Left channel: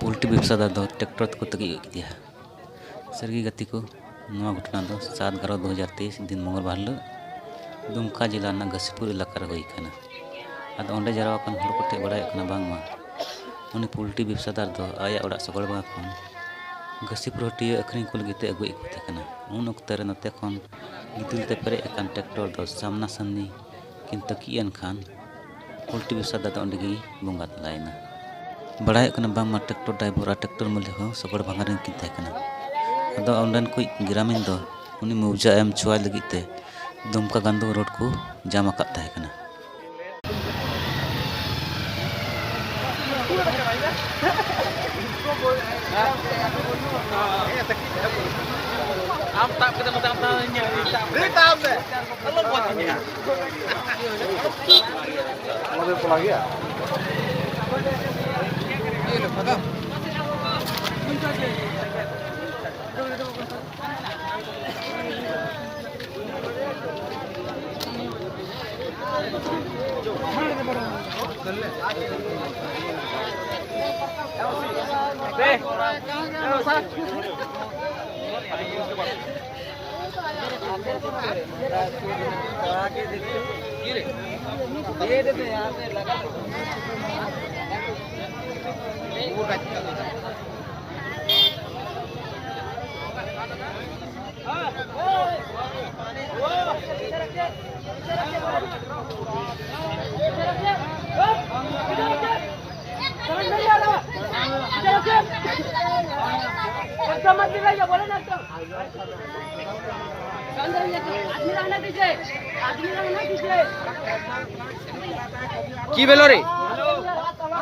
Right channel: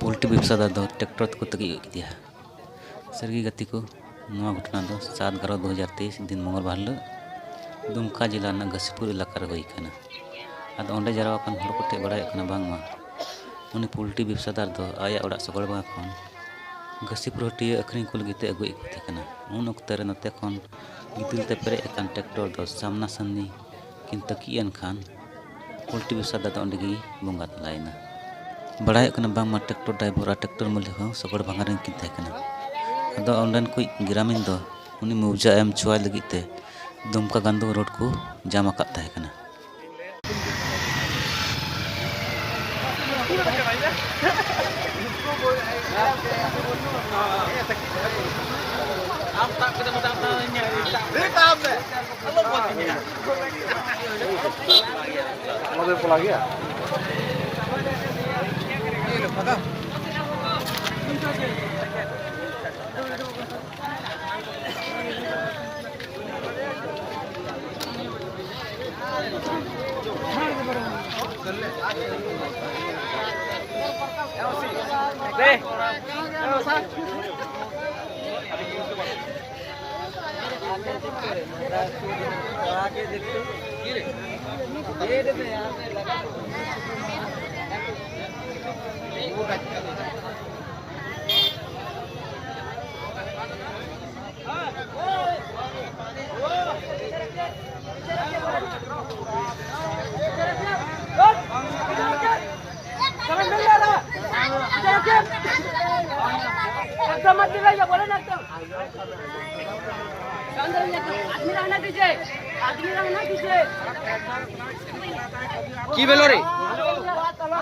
poultry व्यवसादार दो tractor को तक दिया सरगी गति को नवा घटना दो 7/11/2023 दिन मंगलवार दुमका जिला घसीपुर इलाका होना अब अंडे जरावान हर को बड़ा बांगमा उन्नी पोल्ट्री व्यवसादार दो आया ओड़ा सगड़ बा खन घसीपुर हटिया अखरीन को लगे अगुई को थे उन अक्तर नते खन गिदिलते पेरे ट्रैक्टर दो सामना सामनी किन तकीन खान पोल्ट्री व्यवसादार दो अंडे बंगा तलायना बड़ा बांगमा ट्रैक्टर ड्राइवर और ट्रैक्टर मालिक सगड़ भांगारिन किन थे अद अंडन को ग्रामीण दो उन्नी मुआवजा एम चुआ लगिते दुमका गांधो रोड को जाम आकाना की बोलो रे